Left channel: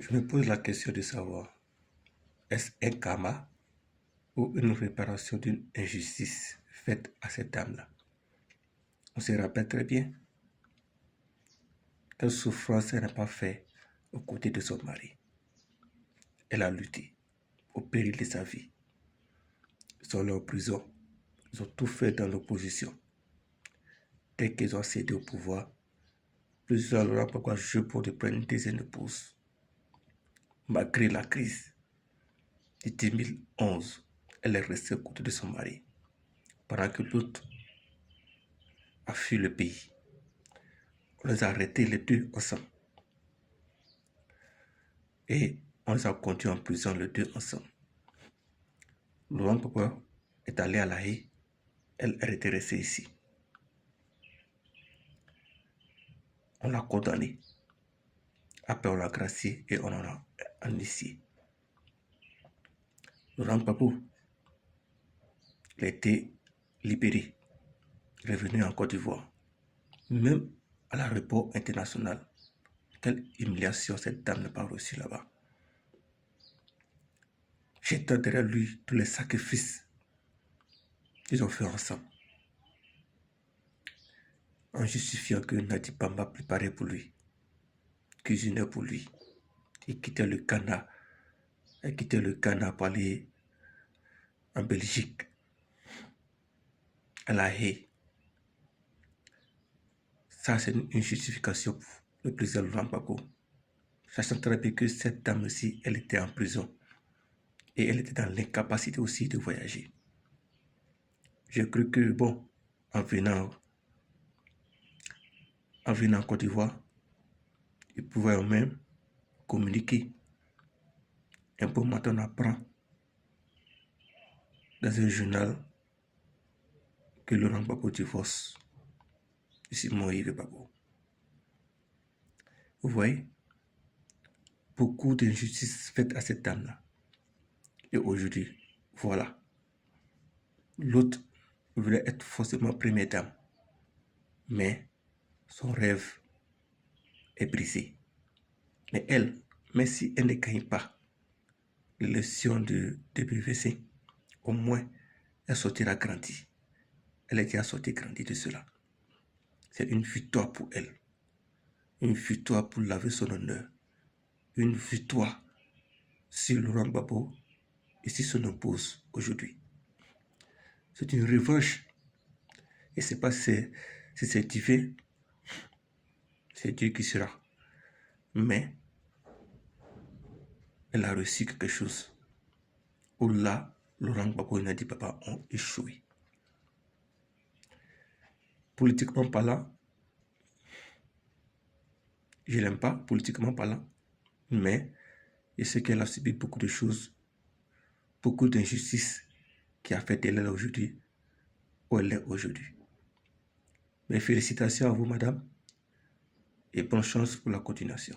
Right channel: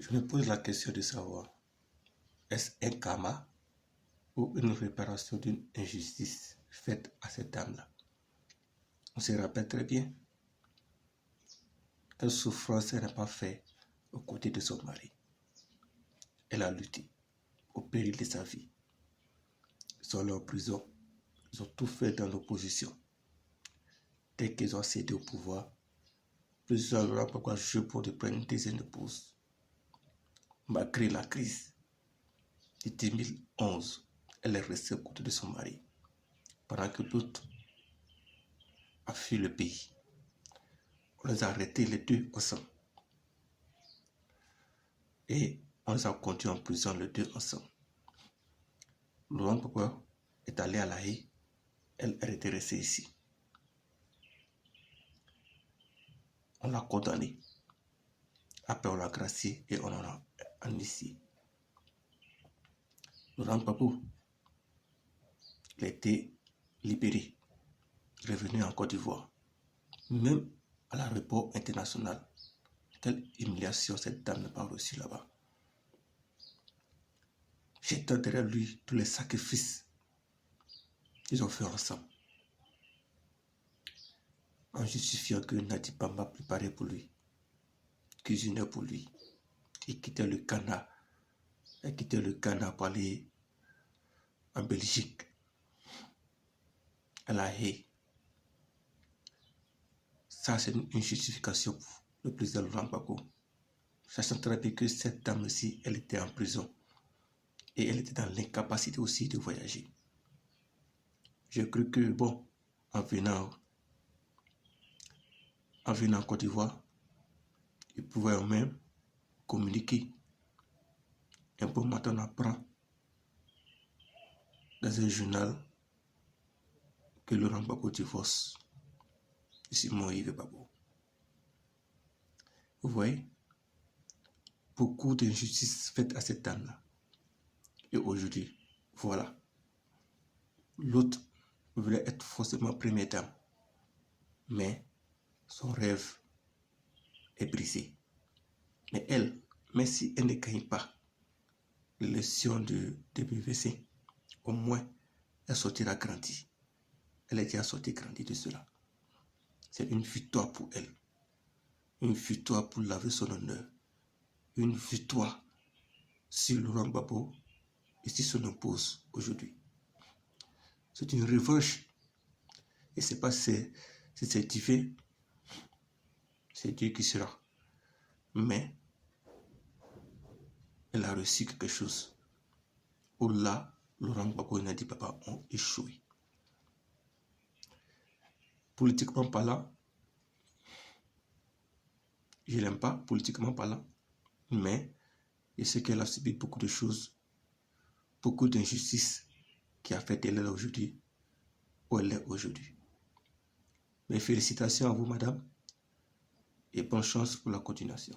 Je me pose la question de savoir, est-ce un karma ou une réparation d'une injustice faite à cette dame-là? On se rappelle très bien quelle souffrance elle n'a pas fait aux côtés de son mari. Elle a lutté au péril de sa vie. Ils sont allés en prison. Ils ont tout fait dans l'opposition. Dès qu'ils ont cédé au pouvoir, plusieurs n'ont pas jugé pour de prendre une deuxième épouse. Malgré la crise de 2011, elle est restée aux côtés de son mari, pendant que l'autre a fui le pays. On les a arrêtés les deux ensemble. Et on les a conduits en prison les deux ensemble. Laurent Gbagbo est allé à La Haye, elle était restée ici. On l'a condamné. Après, on l'a gracié et on en a amnistié. Laurent Gbagbo, il a été libéré, revenu en Côte d'Ivoire. Même à l'aéroport international, quelle humiliation cette dame n'a pas reçue là-bas. J'étais derrière lui tous les sacrifices qu'ils ont fait ensemble, en justifiant que Nadi Bamba préparait pour lui, cuisinait pour lui. Il quittait le Ghana pour aller en Belgique, à La Haye. Ça, c'est une justification pour le président Laurent Gbagbo. Sachant très bien que cette dame-ci, elle était en prison. Et elle était dans l'incapacité aussi de voyager. J'ai cru que, bon, en venant en Côte d'Ivoire, il pouvait même communiquer. Un bon matin, on apprend dans un journal que Laurent Gbagbo divorce de Simon Yves Gbagbo. Vous voyez, beaucoup d'injustices faites à cette dame-là. Et aujourd'hui, voilà. L'autre voulait être forcément première dame. Mais son rêve est brisé. Mais elle, même si elle ne gagne pas l'élection de BVC, au moins, elle sortira grandie. Elle est déjà sortie grandie de cela. C'est une victoire pour elle. Une victoire pour laver son honneur. Une victoire sur Laurent Gbagbo et sur son épouse aujourd'hui. C'est une revanche. Et c'est pas si c'est divin. C'est Dieu qui sera. Mais elle a reçu quelque chose où là, Laurent Gbagbo et Nadi Bamba ont échoué. Politiquement parlant, je ne l'aime pas, politiquement parlant, mais je sais qu'elle a subi beaucoup de choses, beaucoup d'injustices qui a fait d'elle aujourd'hui où elle est aujourd'hui. Mes félicitations à vous, madame, et bonne chance pour la continuation.